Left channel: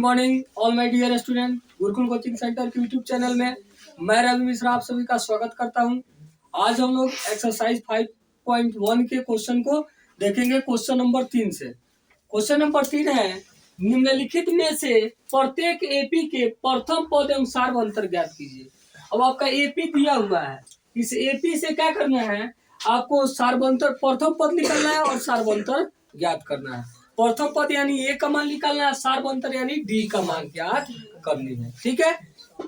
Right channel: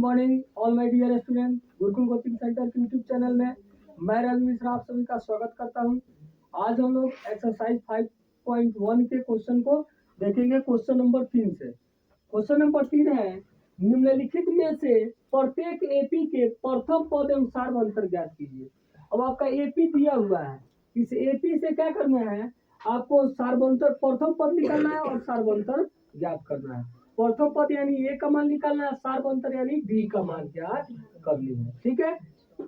Morning all my dear student. Gurukul coaching centre के YouTube channel में मैं रवि मिश्रा आप सभी का स्वागत करता हूं। आज हम लोग एक्सरसाइज 5.1 के क्वेश्चन को देखेंगे क्वेश्चन नंबर 3 से। क्वेश्चन नंबर 3 है, निम्नलिखित में से प्रत्येक एपी के प्रथम पद एवं सार्वभौमंतर ज्ञात कीजिए। अब आपका एपी दिया हुआ है, इस एपी से क्या करना है, आपको सार्वभौमंतर प्रथम पद निकालना है और सार्वभौमंतर ज्ञात करना है। प्रथम पद यानी ए का मान निकालना है, सार्वभौमंतर यानी डी का मान ज्ञात करनी है। ठीक है,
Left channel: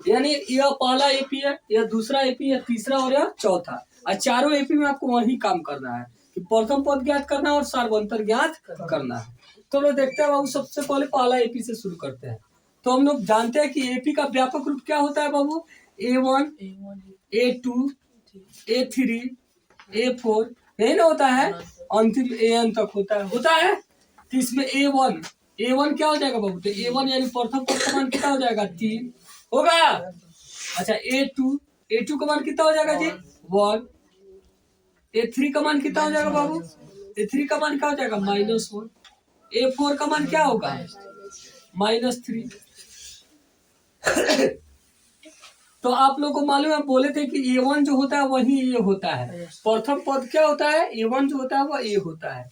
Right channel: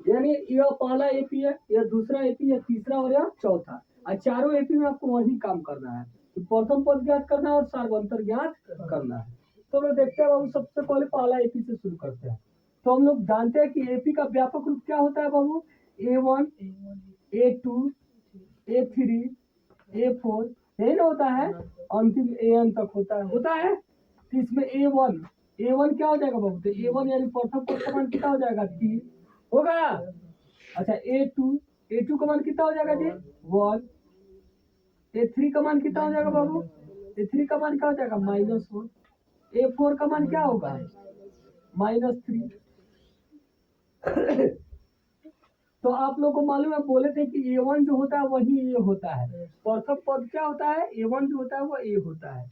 यानी यह पहला एपी है, यह दूसरा एपी है, तीसरा और यह चौथा। और चारों एपी में आपको वही काम करना है कि प्रथम पद ज्ञात करना है और सार्वभौमंतर ज्ञात करना है। तो लोग देखते हैं बाबू, सबसे पहले पहला एपी से शुरू करते हैं। तो हम लोग जानते हैं कि एपी का व्यापक रूप क्या होता है बाबू, A1, A2, A3, A4, यही ना होता है, अंतिम AN तक होता है। तो इसमें A1 क्या हो जाएगा बाबू, तो A1 यानी प्रथम पद का मान कितना हो जाएगा, 3 होगा। अच्छा A2 का मान कितना हो जाएगा जी, 1। A3 का मान कितना हो जाएगा बाबू, A3 का मान क्या हो जाएगा, -1। A4 का मान क्या होगा, -3। तो आप लोगों को मालूम है, बोले थे कि A1 जो होता है वही A होता है। प्रथम पद क्या होता है, A1 जो होता है वो A होता है।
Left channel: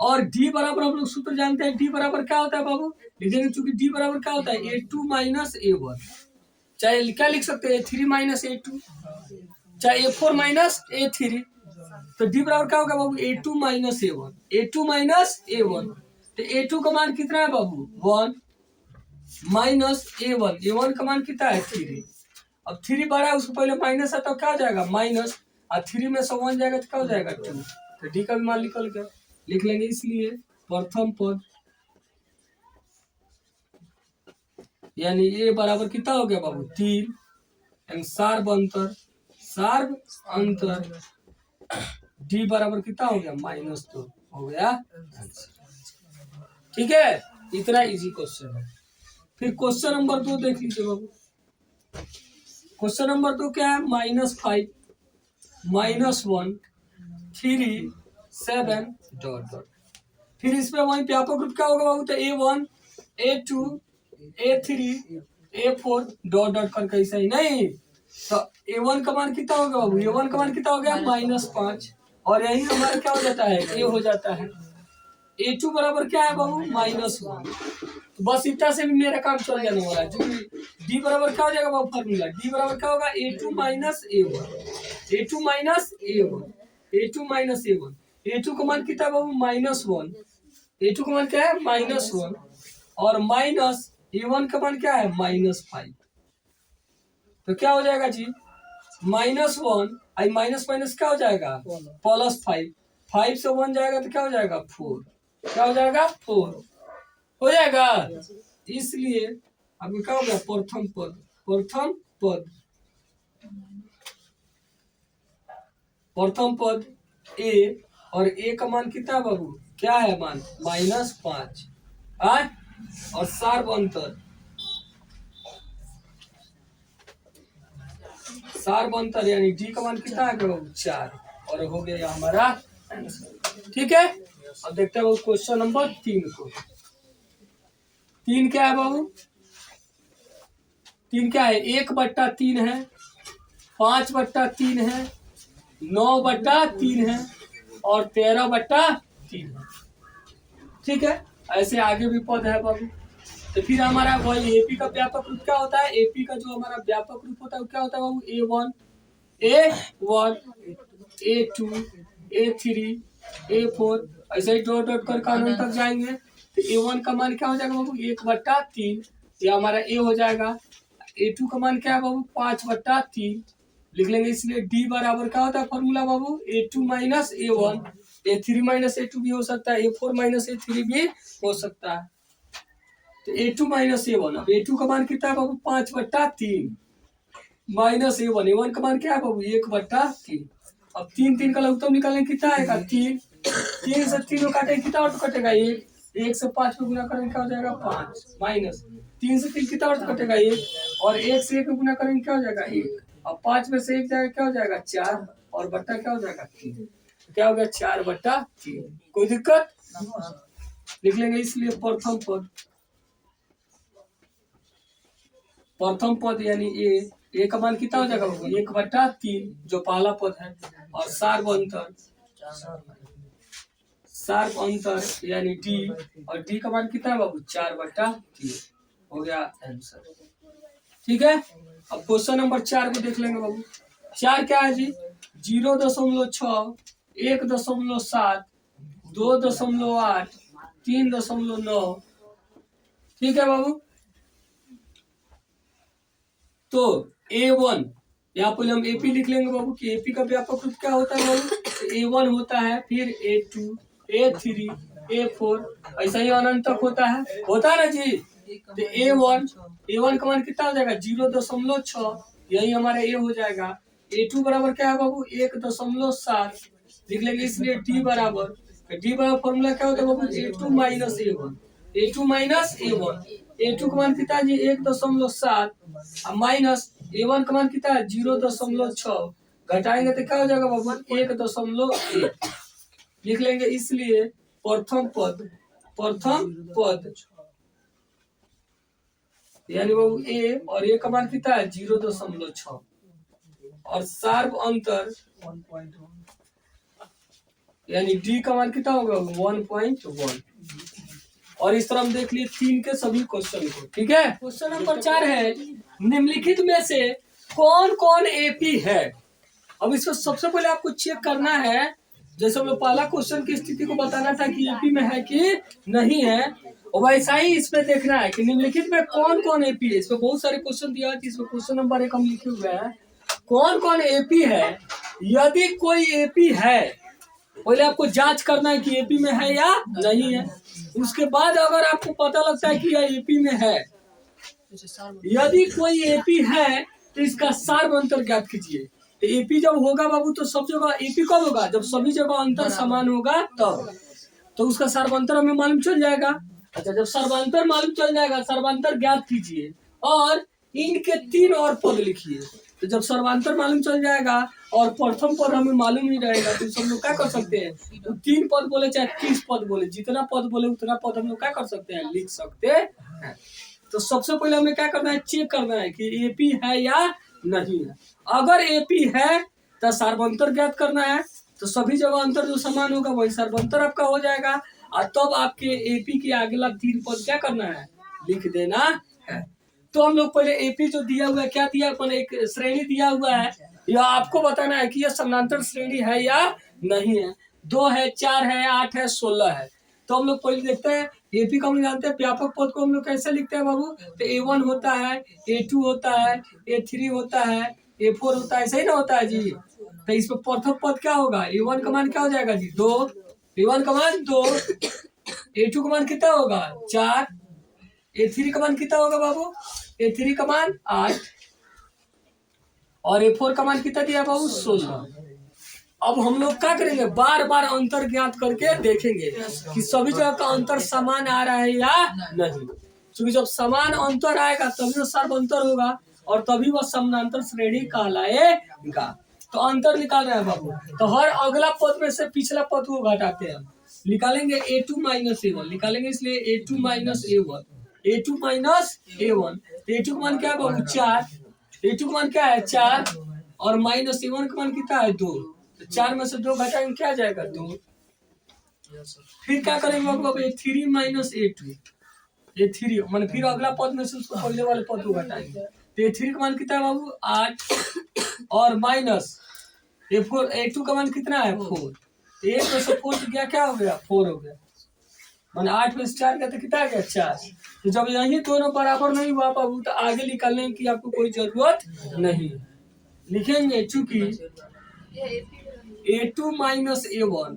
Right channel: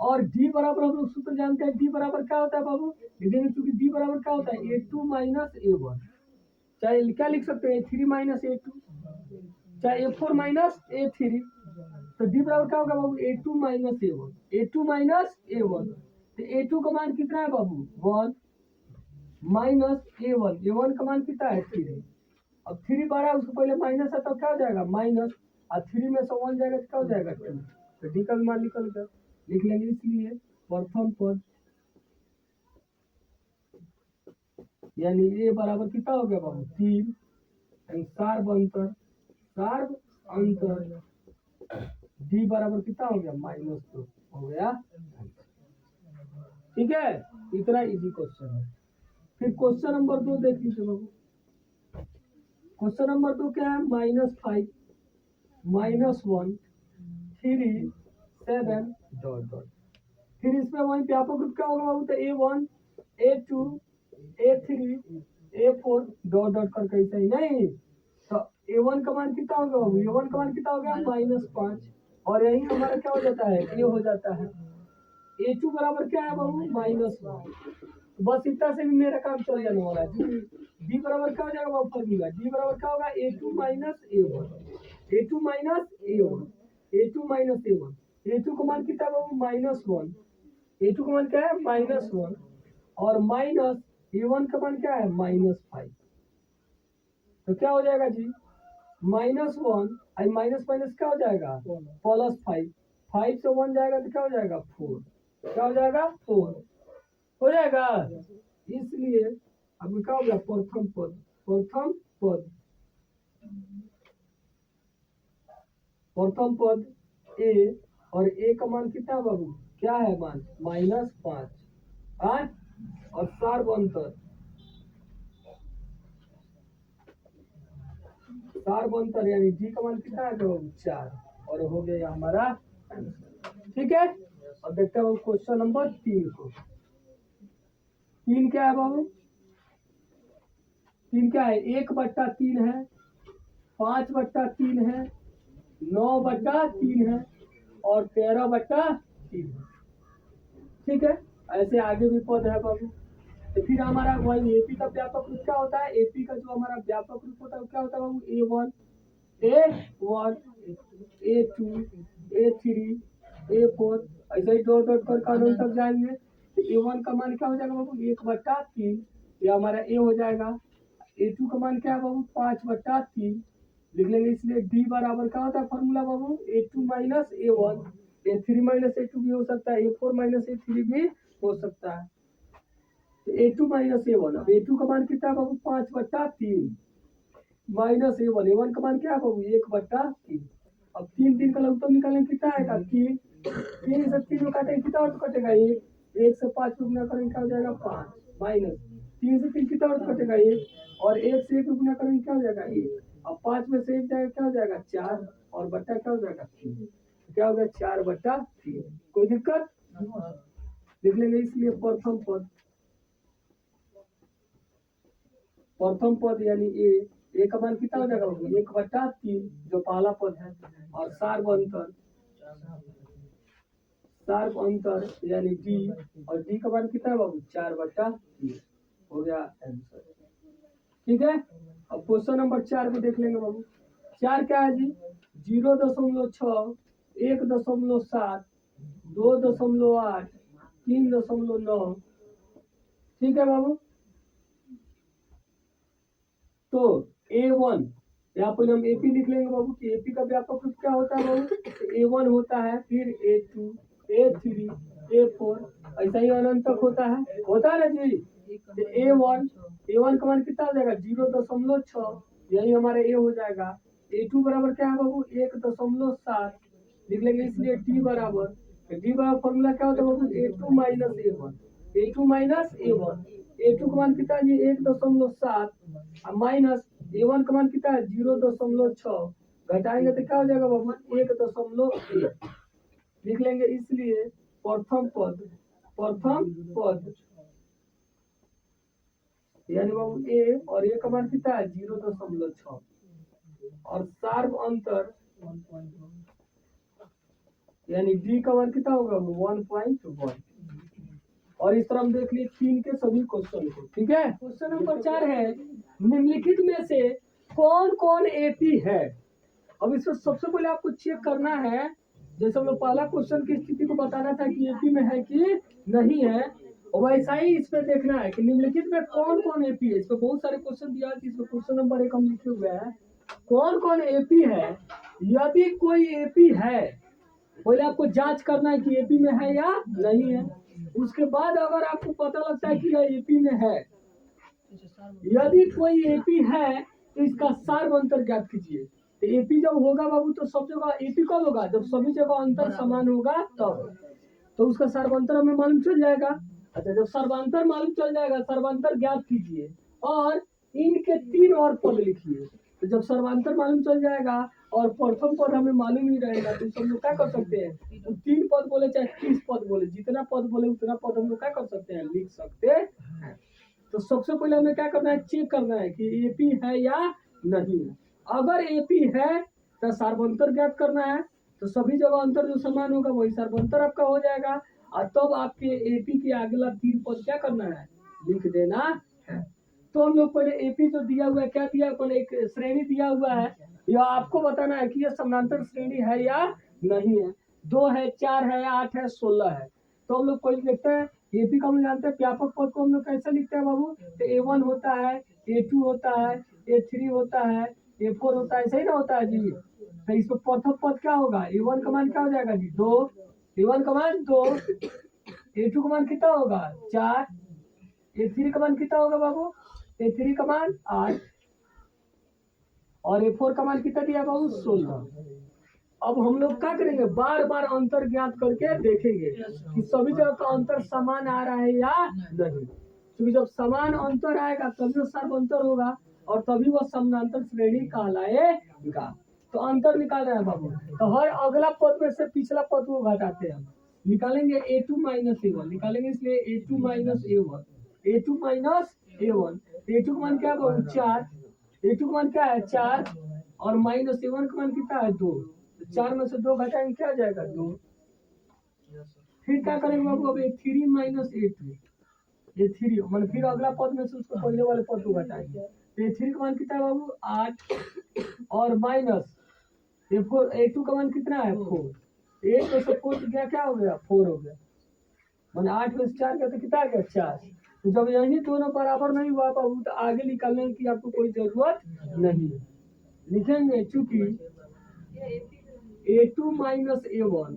और D बराबर हम लोग सूत्र जानते हैं, D बराबर क्या होता है बाबू, लिखेंगे चूंकि D बराबर क्या होता है, A2 माइनस A1। चाहे क्या लिख सकते हैं, A3 माइनस A2, चाहे A4 माइनस A3। तो D बराबर क्या होगा बाबू, A2 minus A1, A2 minus A1। तो A2 का मान कितना है बाबू, 1 माइनस A1 का मान कितना है, 3। अब 3 बड़ा है, उसको पहले माइनस है तो क्या हो जाएगा, माइनस, और 3 में से 1 जाएगा तो क्या हो जाएगा, 2। तो डी का भी मान निकल गया, लिख लेंगे। इसलिए प्रथम पद यानी ए बराबर कितना हो गया बाबू, 3। सार्वभौमंतर डी बराबर कितना हो गया, -2 हो गया। ठीक है, इतना इजी क्वेश्चन है। फिर क्वेश्चन नंबर 2 देख लीजिए बाबू। क्वेश्चन नंबर 2 क्या है, -5, -1, 3, 7 ... फिर इसमें वही व्यापक रूप क्या होगा बाबू, तो A1, A2, A3, A4 ... करके ऐसा ही नहीं। तो A1 का मान कितना होगा बाबू, A1 का मान कितना हो गया, -5। और यही हमारा क्या हो जाता है, A हो जाता है। A2 बराबर क्या है बाबू, -1। तो बस इतना से भी मेरा काम चल जाने वाला है, क्योंकि D बराबर क्या हो जाएगा बाबू, फॉर्मूला D बराबर क्या होगा, A2 minus A1, A2 minus A1, A2 minus A1। A2 का मान कितना बाबू, -1। A2 का मान क्या है, -1। और माइनस A1 का मान क्या है, -5। तो क्या हो जाएगा जी, -1 आई माइनस माइनस क्या हो जाएगा, +5। 5 से 1 जाएगा तो क्या हो जाएगा, 4। क्या हो जाएगा, 4 हो जाएगा। इसलिए अब क्या होगा, प्रथम पद A, और A का मान कितना बाबू, क्या है मान, -5। और सार्वभौमंतर यानी D का मान कितना है बाबू, 4। और हो गया हमारा आंसर। ठीक है, अब देखते हैं क्वेश्चन नंबर 3 को। 3 क्या है बाबू, 3 क्या है, 1/3 है, 5/3 है, 9/3 है और 13/3 है। ठीक है, ऐसे आगे भी पद है बाबू। तो फिर हमारा वही एपी का व्यापक रूप क्या होता है, एपी का जो हमारा व्यापक रूप होता है वो क्या होता है बाबू, A1, A2, A3, A4, ऐसे ही डॉट कर कानून तक जाएंगे। तो A1 का मान क्या हो जाएगा बाबू, 1/3, ये हमारा A हो जाएगा। A2 का मान क्या है बाबू, 5/3 लिख लेंगे। इसलिए D बराबर क्या होता है फॉर्मूला बाबू, A2 minus A1, A3 minus A2 भी हो सकता है, A4 माइनस A3 भी हो सकता है। तो A2 माइनस A1, अब A2 का मान कितना है बाबू, 5/3 माइनस A1 का मान क्या है बाबू, 1/3। अब 3 का लघुत्तम निकालेंगे, कितना आएगा, 3 से 3 काटेंगे, कितना और कटेगा, 1 से 5 में गुना करेंगे क्या हो जाएगा, 5 माइनस 3 से 3 कितना और कटेगा, 1 और 1 से 1 में गुना करेंगे क्या हो जाएगा, 1। अब 5 में से 1 जाएगा क्या हो जाएगा, 4 और बट्टा क्या हो जाएगा, 3। क्या हो गया, 4/3। कोई दिक्कत, लिख लेंगे। इसलिए प्रथम पद प्रथम पद यानी ए का मान कितना हो जाएगा बाबू 1/3 जो पहला पद है, और सार्व अंतर यानी डी, और डी का मान कितना है बाबू 4/3 हो गया आंसर। ठीक है, अब क्वेश्चन नंबर 4 को देख लेंगे बाबू। 4 क्या है जी? 0.6, 1.7, 2.8, 3.9। ठीक है बाबू, तो A1 यहाँ पहले हम AP लिख लेंगे बाबू कि AP का व्यापक रूप क्या होता है बाबू? तो A1 होता है, फिर A2, A3, A4, ऐसा ही अनंत तक होता है ना जी। तो A1 का मान कितना हो जाएगा? 0.6, यही हमारा A हो जाएगा। A2 बराबर क्या है बाबू? 1.7 लिख लेंगे, इसलिए D बराबर फॉर्मूला क्या होता है बाबू? A2 minus A1, A2 minus A1। A2 का मान कितना है जी? 1.7 माइनस A1 का मान कितना है? 0.6, घटाएंगे तो क्या हो जाएगा बाबू? 1.1 लिख लेंगे, इसलिए प्रथम पद यानी बाबू A, और A का मान कितना है? 0.6, और सार्व अंतर यानी D का मान कितना होगा? 1.1। और इस तरह हम देख लिए 3 के सभी क्वेश्चन को। ठीक है, क्वेश्चन नंबर 4 है, निम्नलिखित में से कौन कौन एपी है? अब इसको सबसे पहले आपको चेक करना है, जैसे हम लोग पहला क्वेश्चन की स्थिति को बताना था कि एपी में है कि नहीं है, वैसा ही इसमें देखना है कि निम्नलिखित में कौन कौन एपी है। इसमें बहुत सारे क्वेश्चन दिया है, इसमें क्वेश्चन नंबर 1 हम लिखे हुए हैं कौन कौन एपी है। यदि कोई एपी है, पहले आपको जांच करना है कि एपी में है या नहीं है। उसके बाद अगर आपको पता लगता है कि यह एपी में है, यदि कोई एपी है तो इसका सार्व अंतर ज्ञात कीजिए। तो एपी जब होगा बाबू तो सब जगह एपी कब होगा? जब सभी जगह अंतर समान होगा तब, तो उसका सर्वांतर हमें मालूम चल जाएगा। अच्छा, जब सर्वांतर मालूम चल जाएगा, सर्वांतर ज्ञात कीजिए और इनके 3 और पद लिखिए। तो जब सर्वांतर मालूम चल जाएगा और प्रथम पद हमें मालूम नहीं रहेगा, तो सब लोग क्या कर सकते हैं? तो 3 पद बोले चाहे 30 पद बोले, जितना पद बोले उतना पद हम लोग क्या कर सकते हैं? लिख सकते हैं। तो सबसे पहले हमें क्या करना है? चेक करना है कि एपी है या नहीं है। अगर एपी है तो सर्वांतर ज्ञात करना है, तो सभी जगह अंतर जो समान होगा वही सर्वांतर आपका हो जाएगा, और तब आपके एपी के आगे 3 पद क्या करना है? लिख देना है। तो हम लोग पहले एपी जो दिया हुआ है, क्या दिया? अपन एक श्रेणी दिया हुआ है, यह आपको बताना है कि यह समानांतर श्रेणी है या नहीं है। 2 है, 4 है, 8 है, 16 है। तो हम लोग पहले देखते हैं एपी को हम जानते हैं, व्यापक पद को हम लोग कैसे लिखते हैं बाबू? तो A1 होता है, A2 होता है, A3 होता है, A4 होता है, ऐसा ही ना होता है जी। तो इसमें प्रथम पद क्या होगा? A1 का मान क्या हो जाएगा जी? 2, A1 का मान 2, A2 का मान कितना होगा? 4, A3 का मान कितना होगा बाबू? A3 का मान 8, और A4 का मान कितना दिया बाबू? 16। अब हम लोग क्या करेंगे? बार बार अंतर ज्ञात करके देखेंगे कि सभी जगह का अंतर समान आ रहा है या नहीं। क्योंकि जब समान अंतर आएगा तभी वो सर्व अंतर होगा, और तभी वह समानांतर श्रेणी कहलाएगा। तो अंतर निकाल रहे हैं बाबू, तो हर अगला पद में से पिछला पद को घटाते हैं, निकालेंगे A2 माइनस A1 निकालेंगे, इसलिए A2 minus A1, A2 minus A1। A2 का मान क्या है बाबू? 4, A2 का मान क्या है? 4, और माइनस A1 का मान कितना है? 2। तो 4 में से 2 घटाएंगे, क्या जाएगा? 2। फिर क्या करेंगे बाबू? अब A3 माइनस A2, A3 मान फिर अगला पद में से उसको पहले वाले पद को घटाएंगे। तो A3 का मान कितना है बाबू? 8, और माइनस A4, A2 का मान कितना है? 4। 1 में से 4 गया, क्या हो गया? 4 हो गया। मैंने 8 में से 4 गया तो कितना गया? 4। तो जब यही दोनों बराबर नहीं हुआ बाबू, तो आगे निकालने की आपको कोई जरूरत नहीं लिखेंगे, चूंकि A2 माइनस A1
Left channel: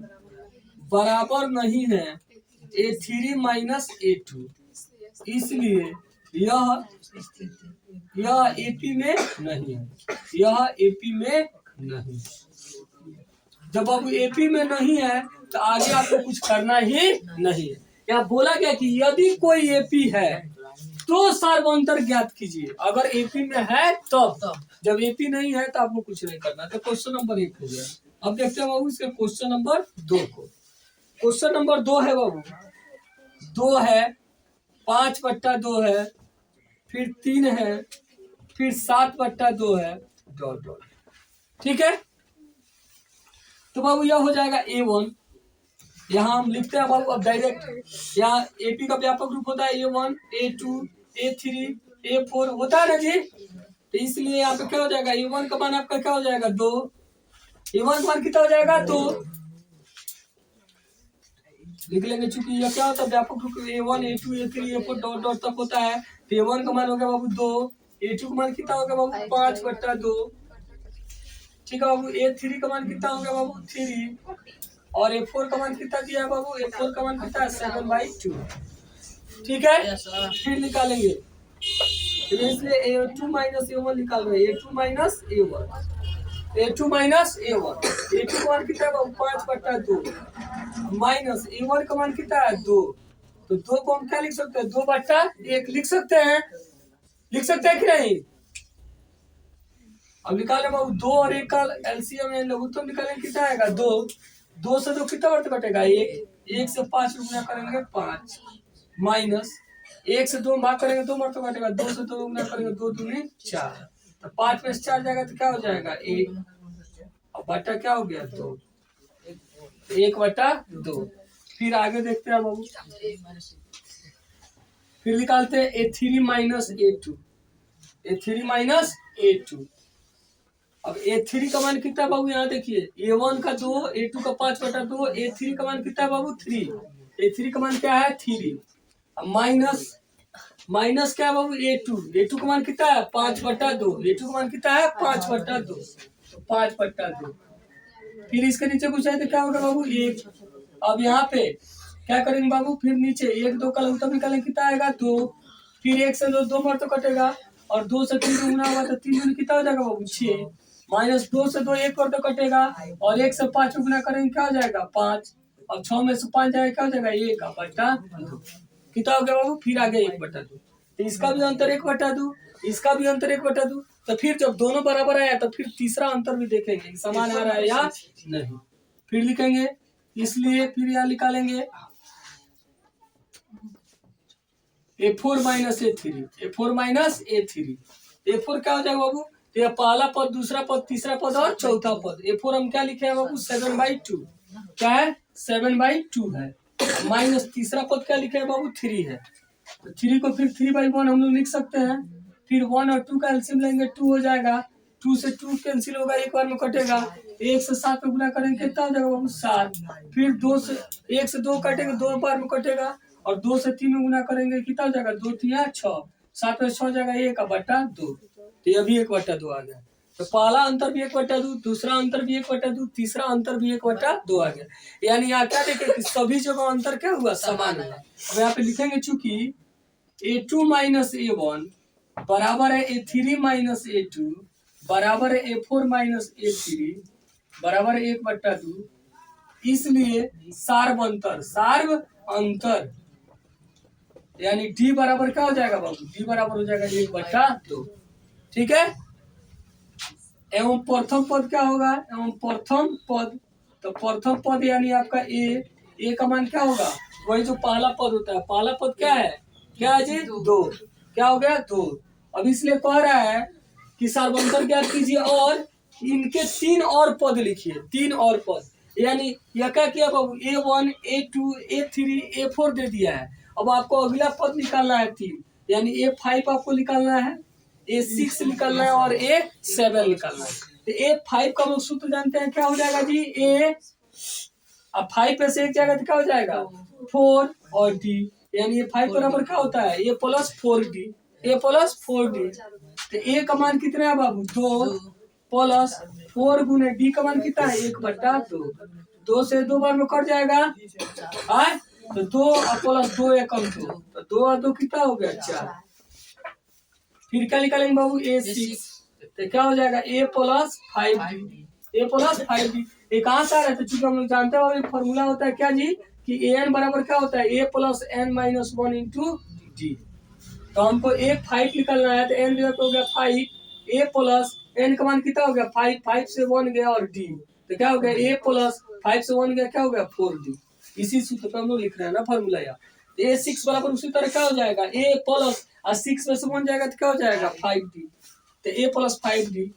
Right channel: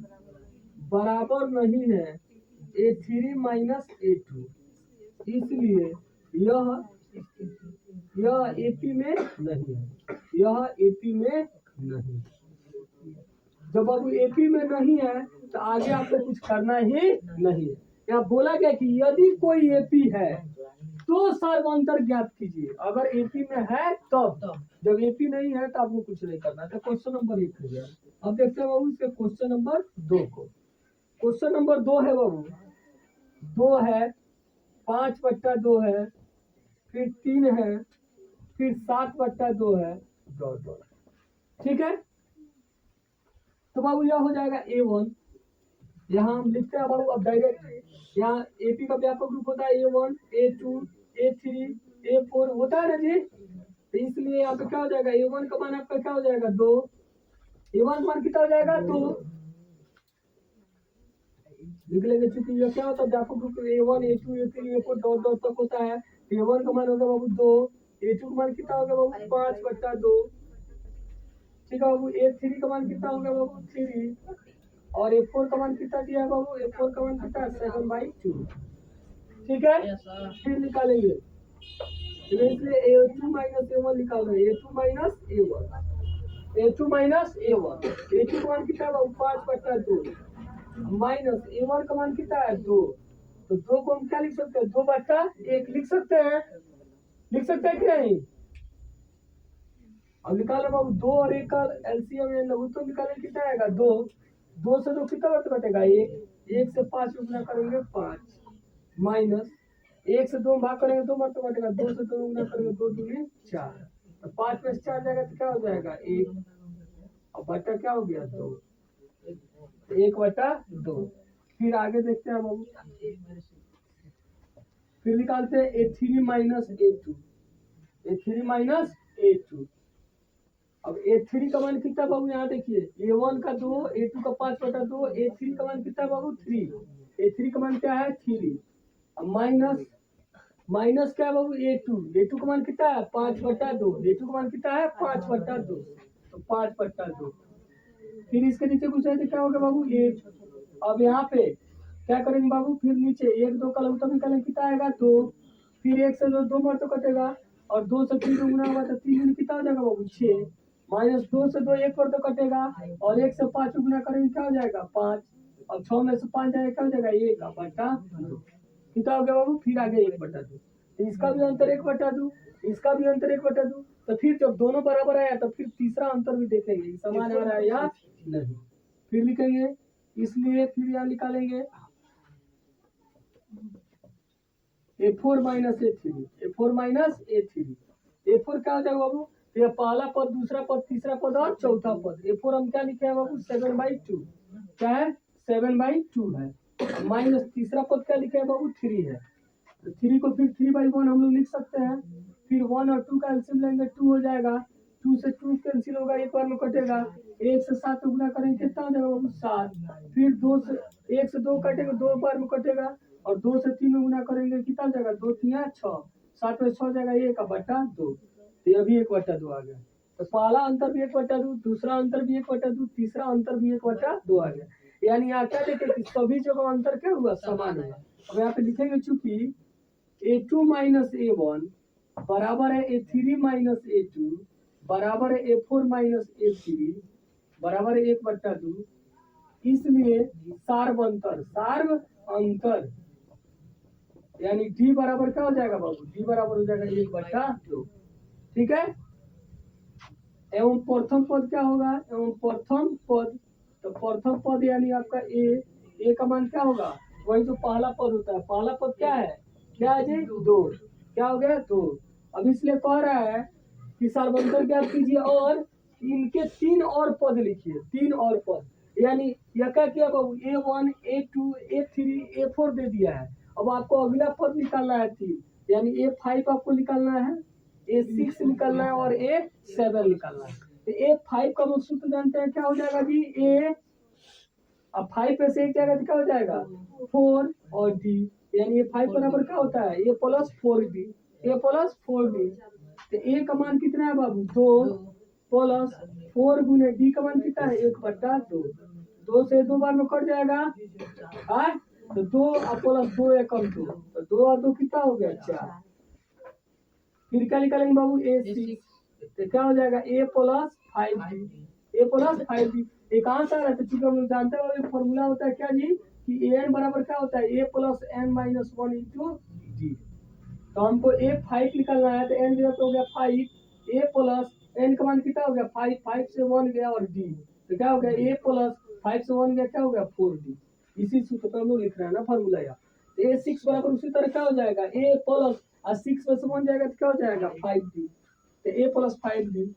बराबर नहीं है A3 माइनस A2, इसलिए यह एपी में नहीं है, यह एपी में नहीं। जब आप एपी में नहीं है तो आगे आपको कुछ करना ही नहीं है। यहाँ बोला गया कि यदि कोई एपी है तो सर्वांतर ज्ञात कीजिए। अगर एपी में है तब, जब एपी नहीं है तो आपको कुछ नहीं करना। तो क्वेश्चन नंबर 1 हो गया। अब देखते हैं बाबू इसके क्वेश्चन नंबर 2 को। क्वेश्चन नंबर 2 है बाबू, 2 है, 5/2 है, फिर 3 है, फिर 7/2 है डॉट डॉट। ठीक है, तो बाबू यह हो जाएगा A1। यहाँ हम लिखते हैं बाबू अब डायरेक्ट। यहाँ AP का व्यापक रूप होता है A1 A2 A3 A4 होता है ना जी। तो इसलिए यहाँ पे क्या हो जाएगा, A1 का मान आपका क्या हो जाएगा 2। A1 का मान कितना हो जाएगा 2 लिख लेंगे, चूंकि यह क्या होता है व्यापक रूप A1 A2 A3 A4 dot dot तक होता है। तो A1 का मान हो गया बाबू 2, A2 का मान कितना हो गया बाबू 5/2। ठीक है बाबू, A3 का मान कितना हो गया बाबू 3, और A4 का मान कितना दिया है बाबू, A4 का मान कितना है 7/2। ठीक है, फिर निकालेंगे, इसलिए A2 माइनस A1 निकाल रहे हैं, A2 minus A1 A2 minus A1। A2 का मान कितना है बाबू 5/2 माइनस A1 का मान कितना है 2। तो 2 को हम क्या लिख सकते हैं 2/1 लिख सकते हैं, लिख सकते हैं कि नहीं। अब निकाल रहे बाबू 2 और 1 का एलसीएम या लघुत्तम निकालेंगे, कितना आएगा 2। 2 से 2 कितना वर्त कटेगा 1, 1 से 5 गुना करेंगे 5 माइनस 1 से 2 भाग करेंगे 2 वर्त कटेगा, 2 से 2 गुना करेंगे 2 दूनी 4। तो 5 में से 4 जाएगा तो क्या हो जाएगा 1, और बटा क्या हो गया 2, 1/2। फिर आगे देखते हैं बाबू, फिर निकालते हैं A3 minus A2, A3 minus A2। अब A3 का मान कितना बाबू, यहाँ देखिए A1 का 2 A2 का 5/2, A3 का मान कितना है बाबू 3, A3 का मान क्या है 3। अब माइनस क्या है बाबू A2 का मान कितना है 5/2, A2 का मान कितना है 5/2, तो 5/2। फिर इसके नीचे कुछ है तो क्या होगा बाबू 1। अब यहाँ पे क्या करेंगे बाबू, फिर नीचे 1 2 का लघुत्तम निकालेंगे, कितना आएगा 2। फिर 1 से 2 बार तो कटेगा, और 2 से 3 गुना हुआ तो 3 दूनी कितना हो जाएगा बाबू 6, माइनस 2 से 2 1 बार तो कटेगा, और 1 से 5 गुना करेंगे क्या हो जाएगा 5, और 6 में से 5 जाएगा क्या हो जाएगा 1/2। कितना हो गया बाबू, फिर आ गया 1/2। तो इसका भी अंतर 1/2, इसका भी अंतर 1/2। तो फिर जब दोनों बराबर आया तो फिर तीसरा अंतर भी देखेंगे समान आ रहा है या नहीं, फिर लिखेंगे। इसलिए फिर यहाँ निकालेंगे A4 minus A3, A4 minus A3। A4 क्या हो जाएगा बाबू, तो यह पहला पद, दूसरा पद, तीसरा पद और चौथा पद। A4 हम क्या लिखे हैं बाबू 7/2, क्या है 7/2 है, माइनस तीसरा पद क्या लिखे हैं बाबू 3 है। तो 3 को फिर 3/1 हम लोग लिख सकते हैं। फिर 1 और 2 का एलसीएम लेंगे 2 हो जाएगा, 2 से 2 कैंसिल होगा, एक बार में कटेगा, 1 से 7 में गुना करेंगे कितना हो जाएगा बाबू 7। फिर 2 से 1 से 2 कटेंगे, 2 बार में कटेगा, और 2 से 3 में गुना करेंगे कितना हो जाएगा 2 3 6, 7 में 6 जाएगा 1/2। तो यह भी 1/2 आ गया। तो पहला अंतर भी 1/2, दूसरा अंतर भी 1/2, तीसरा अंतर भी 1/2 आ गया। यानी यहाँ क्या देखें कि सभी जगह अंतर क्या हुआ समान हुआ। अब यहाँ पे लिखेंगे चूंकि A2 माइनस A1 बराबर है A3 माइनस A2 बराबर है A4 माइनस A3 बराबर है 1/2, इसलिए सार्व अंतर यानी D बराबर क्या हो जाएगा बाबू, D बराबर हो जाएगा 1/2। ठीक है, एवं प्रथम पद क्या होगा, एवं प्रथम पद, तो प्रथम पद यानी आपका A का मान क्या होगा, वही जो पहला पद होता है। पहला पद क्या है, क्या है जी 2, क्या हो गया 2। अब इसलिए कह रहा है कि सार्वंतर ज्ञात कीजिए और इनके 3 और पद लिखिए, 3 और पद। यानी यह क्या किया बाबू A1 A2 A3 A4 दे दिया है। अब आपको अगला पद निकालना है 3, यानी A5 आपको निकालना है, A6 निकालना है और A7 निकालना है। तो A5 का लोग सूत्र जानते हैं, क्या हो जाएगा जी A, अब 5 पे से एक जाएगा तो क्या हो जाएगा 4 और D, यानी A5 बराबर क्या होता है A plus 4D, A plus 4D। तो A का मान कितना है बाबू 2 प्लस 4 गुने D का मान कितना है 1/2। 2 से 2 बार में कट जाएगा, तो 2 प्लस 2 एकम 2, तो 2 और 2 कितना हो गया 4। फिर क्या निकालेंगे बाबू A6, तो क्या हो जाएगा A plus 5D, A plus 5D। ये कहाँ से आ रहा है, तो चूंकि हम लोग जानते हैं फॉर्मूला होता है क्या जी कि AN बराबर क्या होता है A plus N minus 1 into D। तो हमको A5 निकलना है, तो N हो गया 5, A प्लस N का मान कितना हो गया 5, 5 से 1 गया और D, तो क्या हो गया A प्लस 5 से 1 गया क्या हो गया 4D। इसी सूत्र पर हम लोग लिख रहे हैं ना फॉर्मूला यार। A6 बराबर उसी तरह क्या हो जाएगा A प्लस 6 में से 1 जाएगा तो क्या हो जाएगा 5D, तो a plus 5d,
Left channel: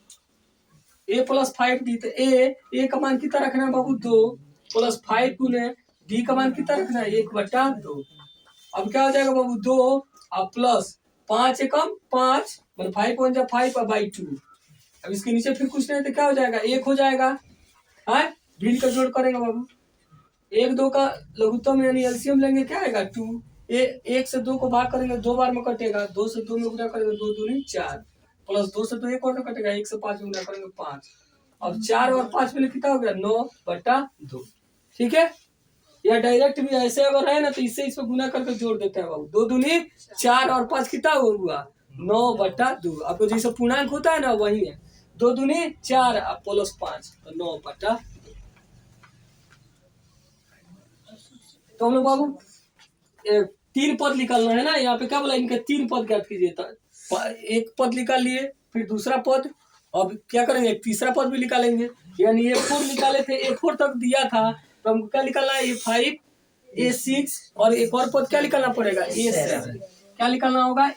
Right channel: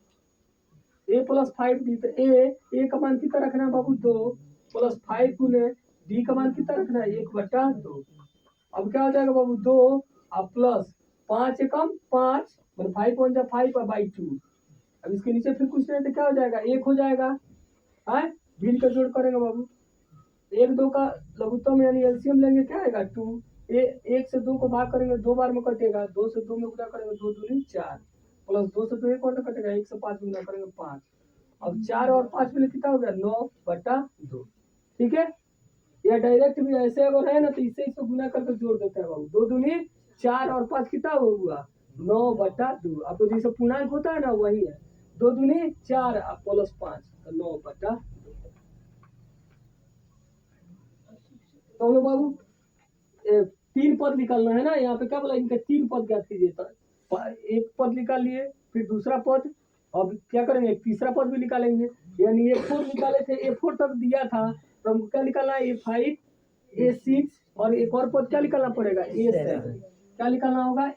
a plus 5d, तो a का मान कितना रखना है बाबू 2 प्लस 5 गुने d का मान कितना रखना है 1/2। अब क्या हो जाएगा बाबू 2 और प्लस 5 एकम 5 मतलब 5 वन जा 5/2। अब इसके नीचे फिर कुछ नहीं तो क्या हो जाएगा 1 हो जाएगा। है भिन्न का जोड़ करेंगे बाबू, 1 2 का लघुत्तम यानी एलसीएम लेंगे, क्या आएगा 2। 1 से 2 को भाग करेंगे 2 बार में कटेगा, 2 से 2 में गुणा करेंगे 2 दूनी 4 प्लस 2 से 2 एक और कटेगा, 1 से 5 में गुणा करेंगे 5। अब 4 और 5 में कितना हो गया 9/2। ठीक है, या डायरेक्ट भी ऐसे अगर है ना तो इससे इसमें गुना करके जोड़ देते हैं बाबू, 2 दूनी 4 और 5 कितना हुआ 9/2। आपको जैसे पूर्णांक होता है ना वही है, 2 दूनी 4 प्लस 5 तो 9/2। तो हम लोग बाबू 3 पद निकालना है ना, यहाँ पे क्या बोला इनके 3 पद ज्ञात कीजिए। एक पद निकाल लिए, फिर दूसरा पद, अब क्या करेंगे तीसरा पद भी निकालेंगे। यानी A4 निकाले थे, A4 तक दिया था तो हमको क्या निकालना है A5 A6 और एक और पद क्या निकालना पड़ेगा A7। क्या निकालना होगा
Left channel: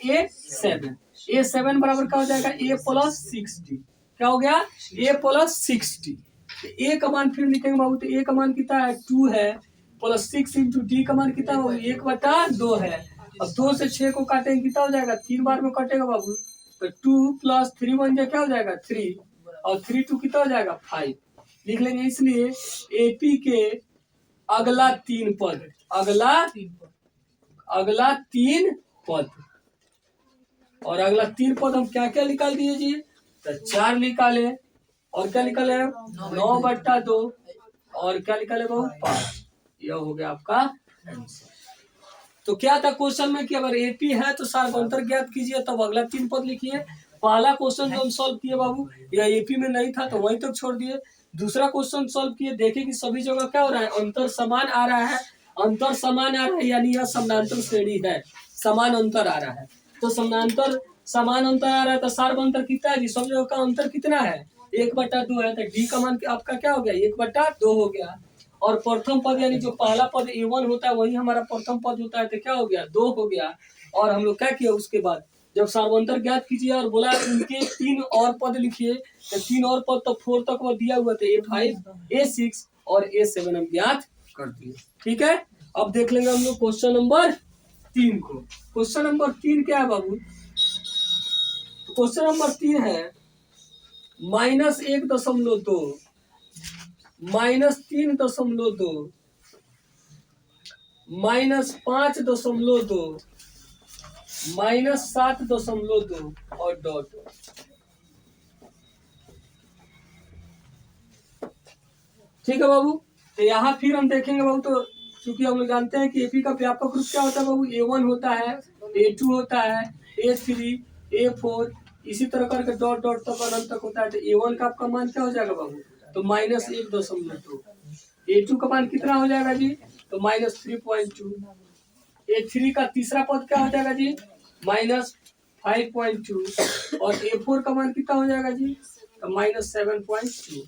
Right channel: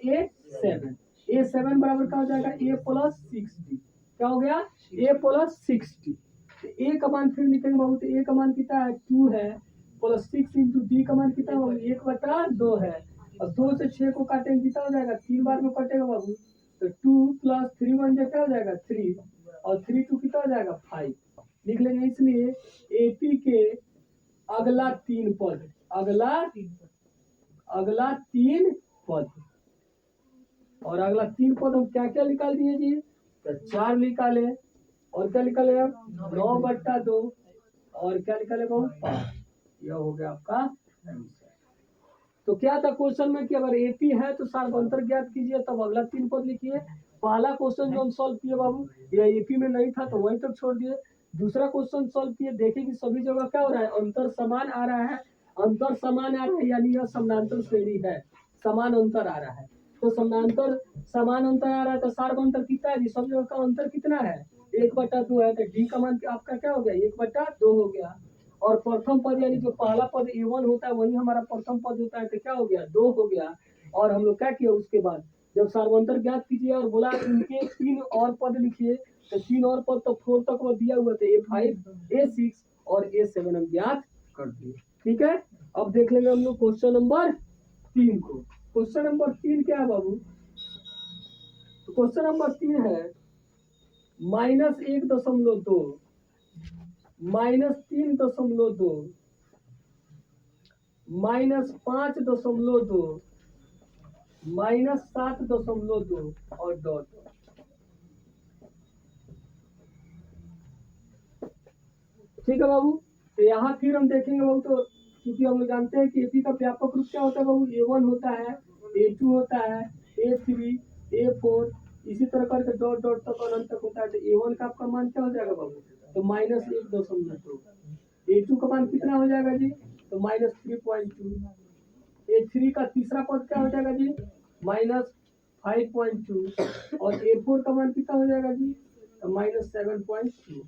A7 बराबर क्या हो जाएगा A प्लस 6D। क्या हो गया A प्लस 6D। A का मान फिर लिखेंगे बाबू, तो A का मान कितना है 2 है प्लस 6 इंटू डी का मान कितना होगा 1/2 है। अब 2 से 6 को काटेंगे कितना हो जाएगा 3 बार में कटेगा बाबू, तो 2 प्लस 3 बन जाए क्या हो जाएगा 3 और 3 2 कितना हो जाएगा 5 लिख लेंगे। इसलिए एपी के अगला 3 पद, अगला 3 पद, और अगला 3 पद हम क्या क्या निकाल दीजिए तो 4 निकाले और क्या निकाले 9/2 और क्या निकाले बाबू 5। यह हो गया आपका आंसर। तो क्या था क्वेश्चन में कि अगर एपी है तो सार्वंतर ज्ञात कीजिए, तब अगला 3 पद लिखिए। पहला क्वेश्चन जो हम सॉल्व किए बाबू या एपी में नहीं था तो वहीं तक छोड़ दिए। दूसरा क्वेश्चन सॉल्व किए, देखे कि सभी जगह क्या हो रहा है अंतर समान आ रहा है, अंतर समान आ रहा है यानी यह समानांतर श्रेणी है, समान अंतर आ रहा है। तो समानांतर समान अंतर आ रहा है तो सार्वंतर कितना है जी, सब जगह का अंतर कितना है 1/2 है, तो डी का मान आपका क्या हो गया 1/2 हो गया। और प्रथम पद यानी जो पहला पद A1 होता है वही हमारा प्रथम पद होता है, तो क्या हो गया 2 हो गया। और हम लोग क्या किया उसके बाद जब सार्वंतर ज्ञात कीजिए और बोला उनके 3 और पद लिखिए, तो 3 और पद तो 4 तक वो दिया हुआ था A5 A6 और A7 हम ज्ञात कर दिए। ठीक है, अब देख लेंगे हम लोग क्वेश्चन नंबर 3 को। क्वेश्चन नंबर 3 क्या है बाबू, तो क्वेश्चन नंबर 3 है -1.2 -3.2 -5.2 -7.2 और डॉट। ठीक है बाबू, तो यहाँ फिर हम देखेंगे बाबू, तो क्योंकि हम लोग जानते हैं कि एपी का व्यापक रूप क्या होता है बाबू A1 होता है A2 होता है A3 A4 इसी तरह करके डॉट डॉट तक अनंत तक होता है। तो A1 का आपका मान क्या हो जाएगा बाबू तो -1.2, A2 का मान कितना हो जाएगा जी तो -3.2, A3 का तीसरा पद क्या हो जाएगा जी -5.2 और A4 का मान कितना हो जाएगा जी तो -7.2।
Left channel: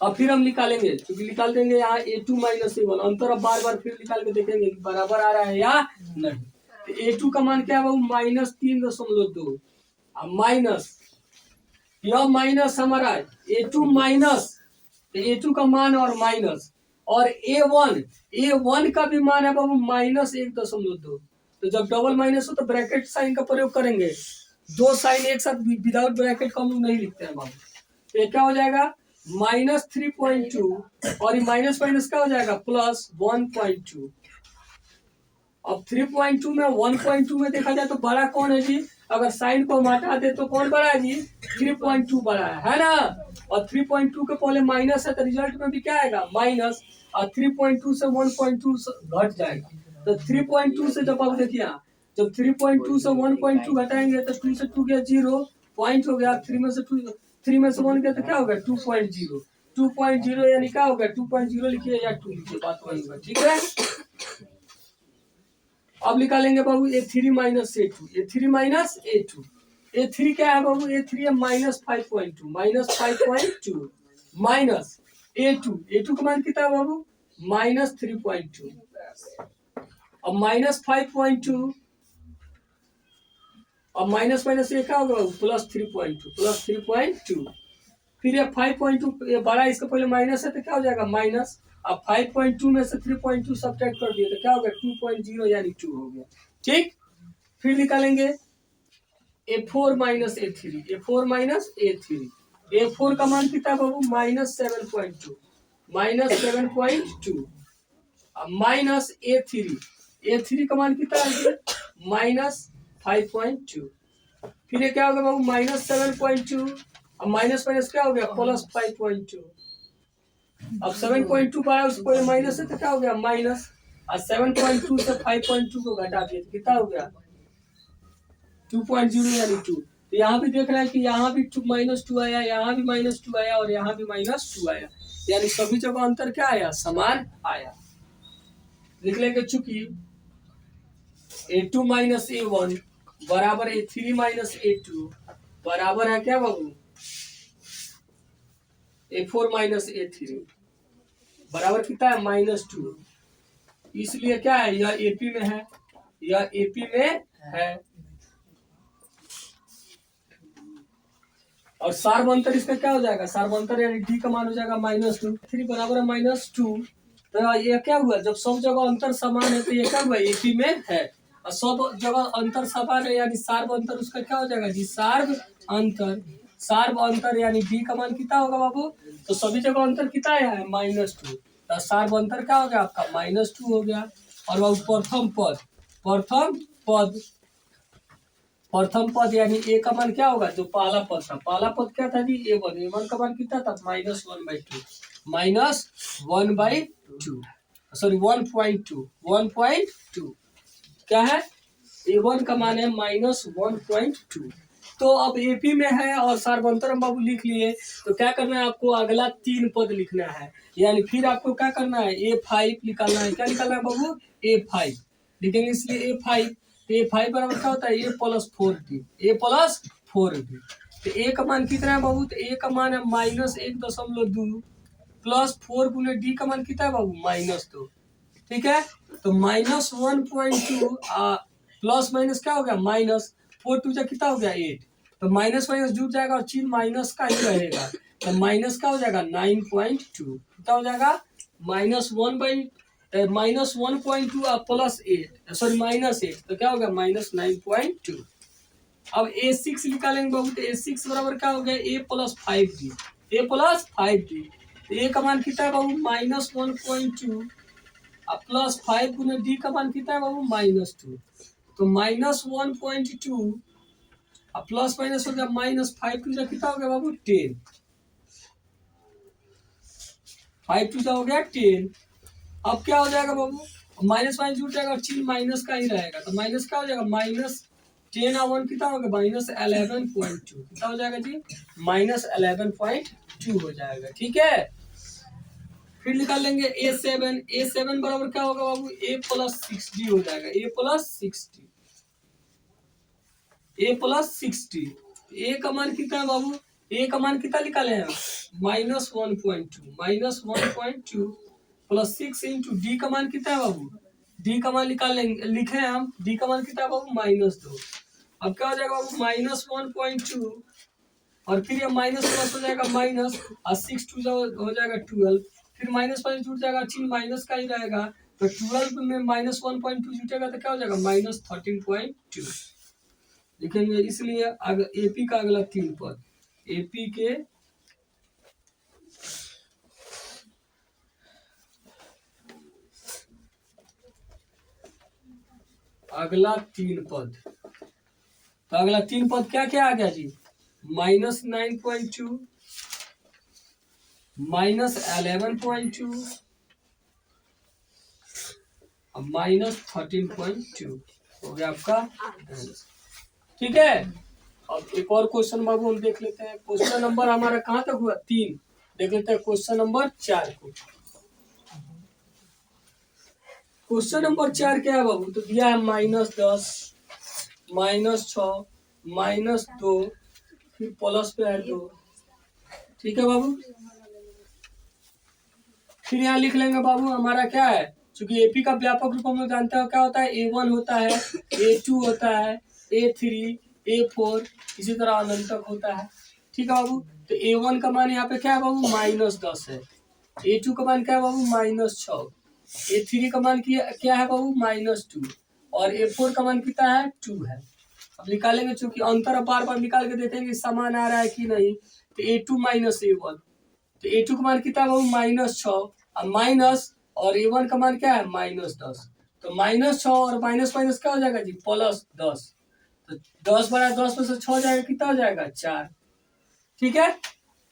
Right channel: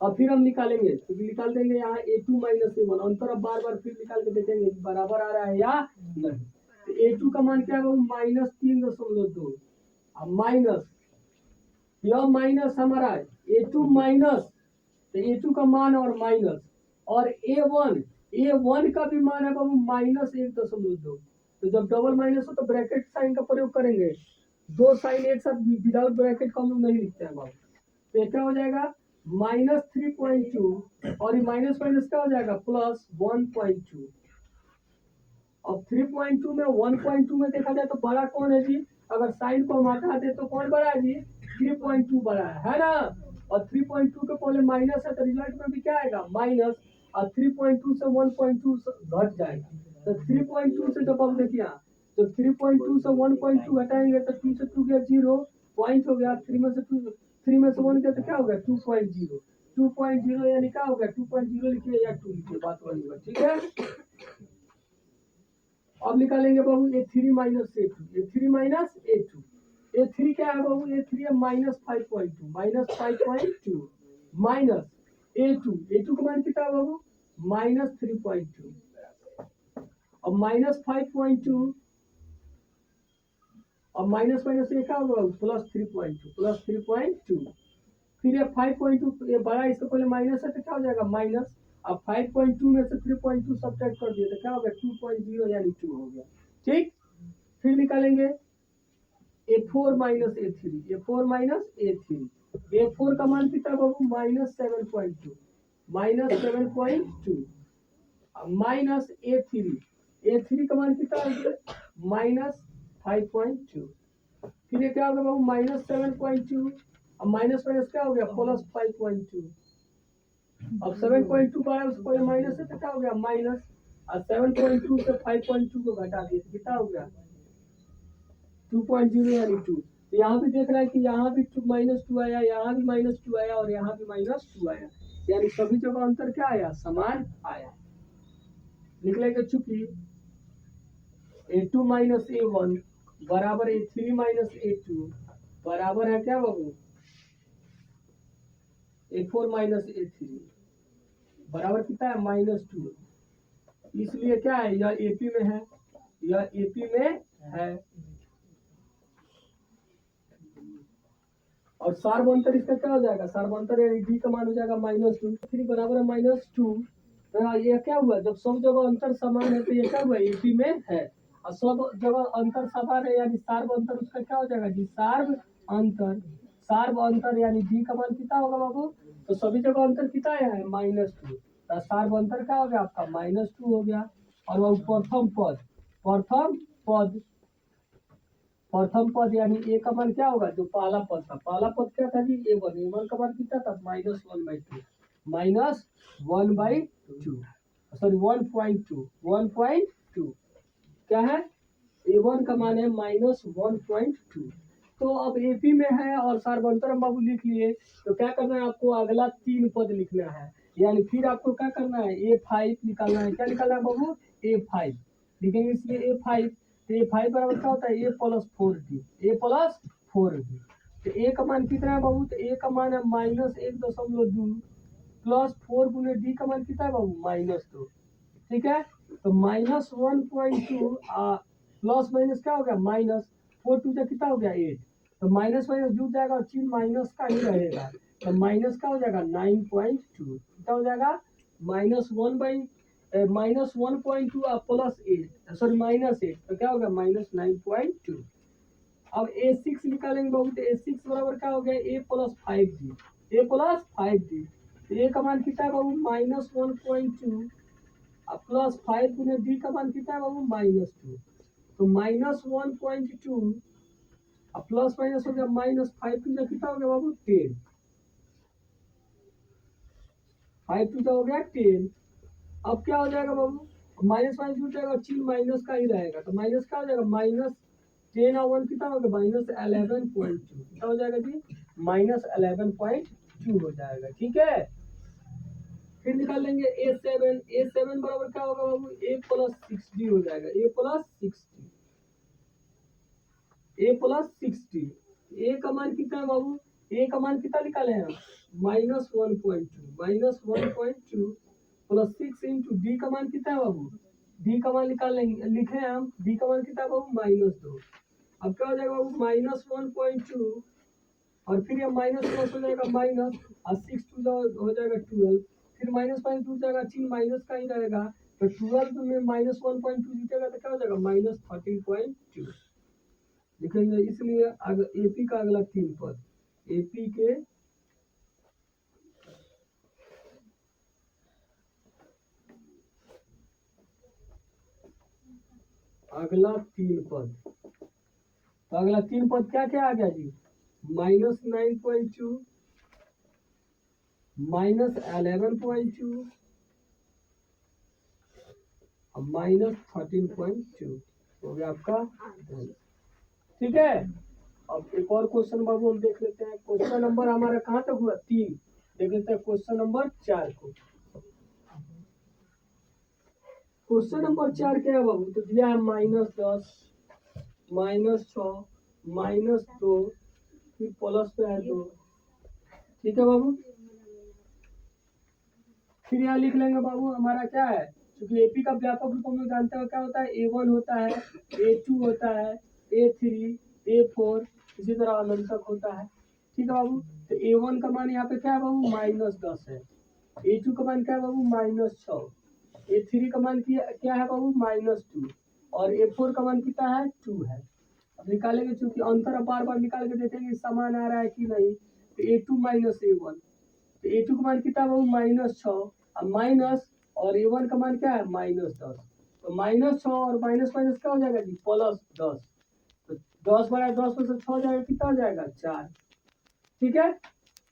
अब फिर हम निकालेंगे, क्योंकि निकाल देंगे यहाँ A2 -A1 अंतर, अब बार बार फिर निकाल के देखेंगे कि बराबर आ रहा है या नहीं। तो A2 का मान क्या है बाबू -3.2 माइनस, यह माइनस हमारा A2 माइनस, A2 का मान और माइनस, और A1 का भी मान है बाबू -1.2। तो जब डबल माइनस हो तो ब्रैकेट साइन का प्रयोग करेंगे, 2 साइन एक साथ विदाउट ब्रैकेट का हम लोग नहीं लिखते हैं बाबू। तो क्या हो जाएगा -3.2 और ये माइनस माइनस क्या हो जाएगा +1.2। अब 3.2 में 1.2 में देखा जाए तो बड़ा कौन है जी, अगर साइन को हम हटा दे तो कौन बड़ा है जी 3.2 बड़ा है ना। और 3.2 के पहले माइनस है तो रिजल्ट में भी क्या आएगा माइनस, और 3.2 से 1.2 घट जाएगा। तो 3.2 से जब आप देखिए जब 3.2 से 1.2 घटाएंगे तो 2 से 2 गया 0 पॉइंट हो गया, 3 में से 1 गया तो क्या होगा 2.0 यानी क्या होगा 2.0 लिखिए या 2 लिखिए, बात वही होगा। ठीक है, अब निकालेंगे बाबू A3 माइनस A2 A3 क्या है बाबू A3 है -5.2 माइनस A2 का मान कितना है बाबू -3.2। अब -5.2 अब माइनस माइनस ये क्या होगा, प्लस 3.2, प्लस 3.2। फिर ये 5.2 ये बड़ा, इसका पहले माइनस है तो क्या हो जाएगा माइनस। अब 5.2 में से 3.2 सब्ट्रैक्ट कर दिए तो क्या हो गया 2.0 यानी 2 हो गया। ठीक, फिर निकालेंगे A4 minus A3, A4 minus A3। A4 का मान कितना बाबू -7.2, -7.2। अब माइनस A3 का मान कितना है -5.2। फिर ये क्या होगा बाबू -7.2। अब माइनस माइनस क्या हो गया +5.2। अब 7.2 पाया उसको पहले माइनस है तो क्या हो गया माइनस। और 7.2 से 5.2 को घटा दिए तो कितना हो गया 2.0 यानी 2। तो यहाँ भी देख रहे हैं कि यहाँ भी -2 आया, यहाँ भी -2 आया और यहाँ भी -2 आया, यानी सभी जगह अंतर क्या आया, समान आया। लिख लेंगे चूंकि A2 माइनस A1 बराबर A3 माइनस A2 बराबर है क्या बाबू A4 माइनस A3 बराबर कितना है -2। इसलिए क्या है यह एपी में है, यह एपी में है। और सार्वंतर इसका क्या हो जाएगा, सार्वंतर यानी डी का मान हो जाएगा -2। 3 बराबर है -2। तो ये क्या हुआ, जब सब जगह अंतर समान है तो ये क्या हुआ एपी में है। और सब जगह अंतर समान है यानी सार्व अंतर उसका क्या हो जाएगा जी सार्व अंतर। सार्व अंतर यानी डी का मान कितना होगा बाबू, तो सभी जगह अंतर कितना आया है -2। तो सार्व अंतर क्या हो गया आपका -2 हो गया। और वह प्रथम पद, प्रथम पद, प्रथम पद यानी ए का मान क्या होगा, जो पहला पद था, पहला पद क्या था जी A1, A1 का मान कितना था -1/2, -1/2 सॉरी 1.2, 1.2 क्या है A1 का मान है -1.2। तो अब एपी में है और सार्वंतर बाबू लिख लिए, तो क्या करना है आपको अगला 3 पद लिखना है, यानी फिर आपको क्या करना है A5 निकालना है। क्या निकालना है बाबू A5 लिखेंगे, इसलिए A5। तो A5 बराबर क्या होता है A+4D, A+4D। तो A का मान कितना है बाबू, तो A का मान है -1.2 प्लस 4 गुने D का मान कितना है बाबू -2। ठीक है, तो -1.2 प्लस माइनस क्या हो गया माइनस 4 टू जा कितना हो गया 8। तो माइनस माइनस जुड़ जाएगा और चिन्ह माइनस का ही रहेगा, तो माइनस का हो जाएगा 9.2, कितना हो जाएगा -1/-1.2 +8 सॉरी -8, तो क्या हो गया -9.2। अब A6 निकालेंगे बाबू, तो A6 बराबर क्या हो गया A+5D, A+5D। तो A का मान कितना है बाबू -1.2 अब +5 गुने डी का मान कितना है बाबू -2। तो -1.2 अब प्लस माइनस हो गया -5 टू जा कितना हो गया बाबू 10, 5 टू जा हो गया 10। अब क्या हो जाएगा बाबू माइनस माइनस जुड़ जाएगा और चिन्ह माइनस का ही रहेगा, तो माइनस क्या हो जाएगा -10 और 1 कितना हो गया -11.2, कितना हो जाएगा जी -11.2 हो जाएगा। ठीक है, फिर निकाल लेंगे A7, A7 बराबर क्या होगा बाबू A+6D हो जाएगा, A+6D, A+6D। A का मान कितना है बाबू, A का मान कितना निकाले हैं -1.2 प्लस 6 इंटू डी का मान कितना है बाबू, डी का मान निकालेंगे लिखे हैं हम, डी का मान कितना है बाबू -2। अब क्या हो जाएगा बाबू -1.2 और फिर ये माइनस प्लस हो जाएगा माइनस और 6 टू हो जाएगा 12, फिर माइनस माइनस जुट जाएगा चिन्ह माइनस का ही रहेगा, तो 12 में -1.2 जुटेगा तो क्या हो जाएगा -13.2 लिखेंगे। इसलिए एपी का अगला 3 पद, एपी के अगला 3 पद, तो अगला 3 पद क्या क्या आ गया जी -9.2 -11.2 अब -13.2 हो गया आपका आंसर। ठीक है, अब एक और क्वेश्चन बाबू हम देख लेते हैं। क्वेश्चन नंबर हमारा कहाँ तक हुआ 3, देख लेते हैं क्वेश्चन नंबर 4 को। क्वेश्चन नंबर 4 क्या है बाबू, तो दिया है -10 -6 -2 फिर प्लस पे है 2। ठीक है बाबू, फिर यहाँ लिख लेंगे बाबू हमारा क्या है, क्योंकि एपी का व्यापक रूप हम लोग जानते हैं क्या होता है A1 होता है, A2 होता है, A3, A4 इसी तरह अनंत तक होता है। ठीक है बाबू। तो A1 का मान यहाँ पे क्या है बाबू -10 है। A2 का मान क्या है बाबू -6। A3 का मान क्या है बाबू -2 और A4 का मान कितना है 2 है। अब निकालेंगे, चूंकि अंतर अब बार बार निकाल के देखेंगे समान आ रहा है कि नहीं। तो A2 - A1, तो A2 का मान कितना है बाबू -6 अब माइनस और A1 का मान क्या है -10। तो -6 और माइनस माइनस क्या हो जाएगा जी +10। तो 10 बड़ा 10 में से 6 जाएगा, कितना हो जाएगा 4। ठीक है।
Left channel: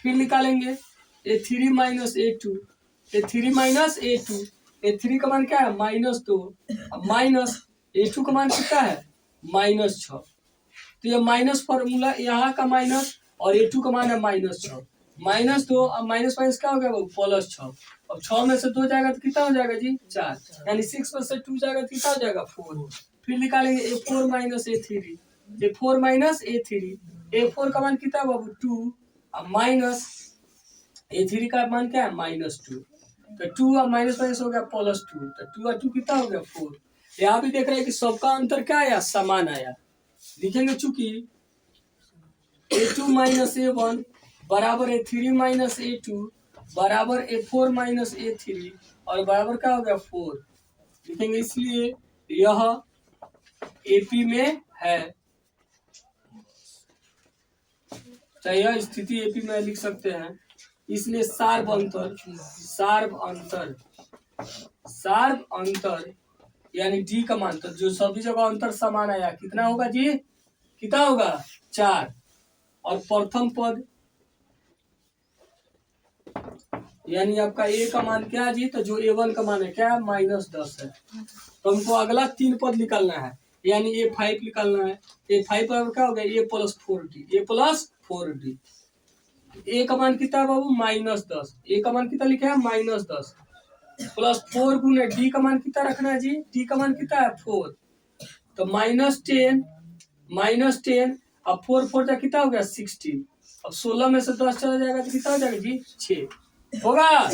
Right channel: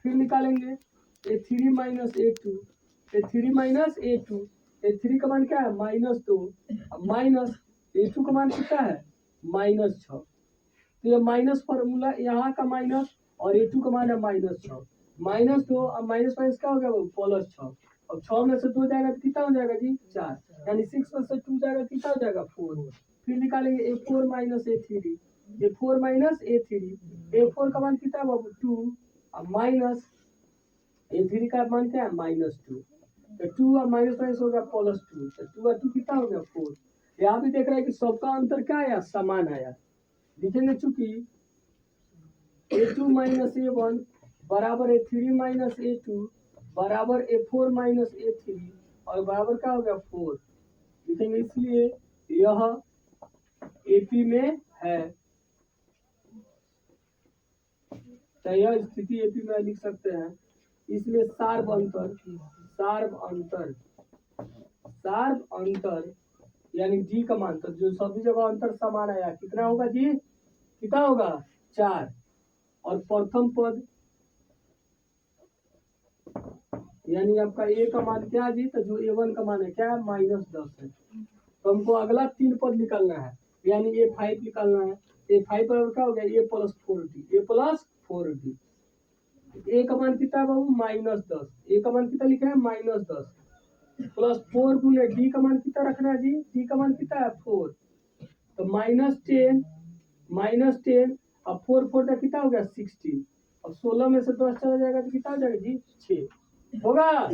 फिर निकालेंगे A3 - A2, A3 - A2, A3 का मान क्या है -2 अब माइनस A2 का मान कितना है -6। तो ये माइनस फॉर्मूला यहाँ का माइनस और A2 का मान है -6 -2 अब माइनस माइनस क्या हो गया वो +6। अब 6 में से 2 जाएगा तो कितना हो जाएगा जी 4, यानी 6 में से 2 जाएगा तो कितना हो जाएगा 4। फिर निकालेंगे A4 - A3, A4 - A3, A4 का मान कितना है बाबू 2 अब माइनस A3 का मान क्या है -2। तो 2 अब माइनस माइनस हो गया +2, तो 2 और 2 कितना हो गया 4। यहाँ भी देख रहे हैं कि सबका अंतर क्या आया समान आया। लिखेंगे चूंकि A2 - A1 बराबर A3 - A2 बराबर A4 - A3 और बराबर क्या हो गया 4। लिखेंगे इसलिए यह AP में है। तो यह स्थिति AP में लिख सकते हैं। इसलिए सार्व अंतर यानी D का मान, तो जो सभी जगह अंतर समान आया कितना होगा जी, कितना होगा 4। और प्रथम पद यानी आपका A का मान क्या है जी, तो जो A1 का मान है क्या है -10 है। तो हमको अगला 3 पद निकालना है, यानी A5 निकालना है। A5 बराबर क्या हो गया A+4D, A+4D। A का मान कितना है बाबू -10, A का मान कितना लिखा है -10 +4 गुने D का मान कितना रखना है जी, D का मान कितना है 4। तो -10 अब 4 4 जा कितना हो गया 16। अब 16 में से 10 चला जाएगा तो कितना हो जाएगा जी 6 होगा।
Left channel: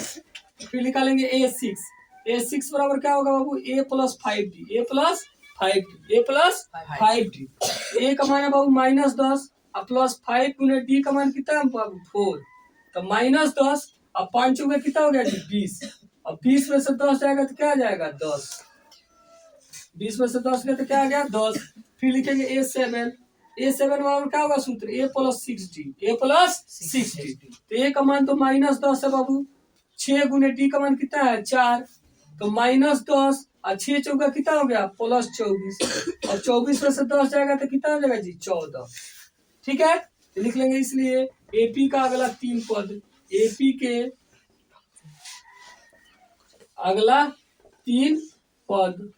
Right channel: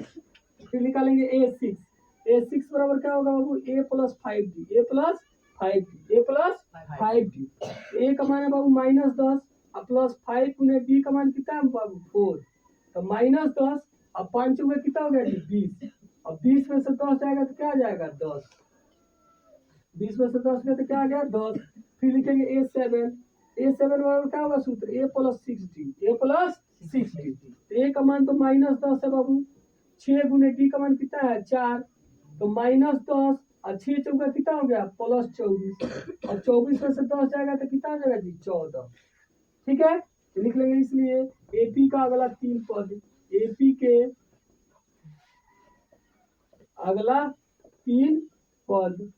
फिर निकालेंगे A6 बराबर क्या होगा बाबू A+5D, A+5D। A का मान है बाबू -10 अब +5 गुने D का मान कितना है बाबू 4। तो -10 अब 5 में कितना हो गया जी 20। अब 20 में से 10 जाएगा तो क्या आ जाएगा 10। 20 में से 10 गया तो क्या आ गया 10। फिर लिखेंगे A7 बराबर क्या होगा सूत्र A+6D, तो A का मान तो -10 है बाबू। 6 गुने D का मान कितना है 4, तो -10 और 6 चौका कितना हो गया +24 और 24 में से 10 जाएगा तो कितना हो जाएगा जी 14। ठीक है। तो लिख लेंगे इसलिए AP का अगला 3 पद, AP के अगला 3 पद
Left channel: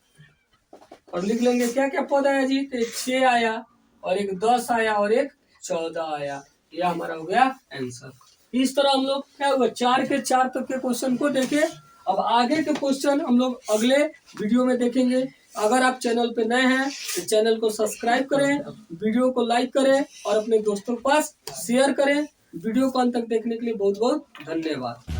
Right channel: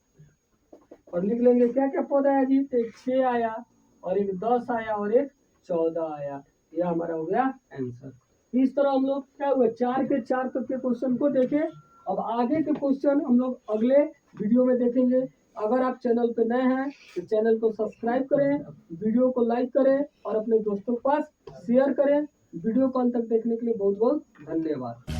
और लिख लेंगे क्या क्या पद आया जी, तो 6 आया और एक 10 आया और एक 14 आया। यह हमारा हो गया आंसर। इस तरह हम लोग क्या हुआ 4 के 4 तक के क्वेश्चन को देखे। अब आगे के क्वेश्चन हम लोग अगले वीडियो में देखेंगे। अगर आप चैनल पे नए हैं तो चैनल को सब्सक्राइब करें, वीडियो को लाइक करें और अपने दोस्तों के पास शेयर करें। वीडियो को अंत तक देखने के लिए बहुत बहुत धन्यवाद।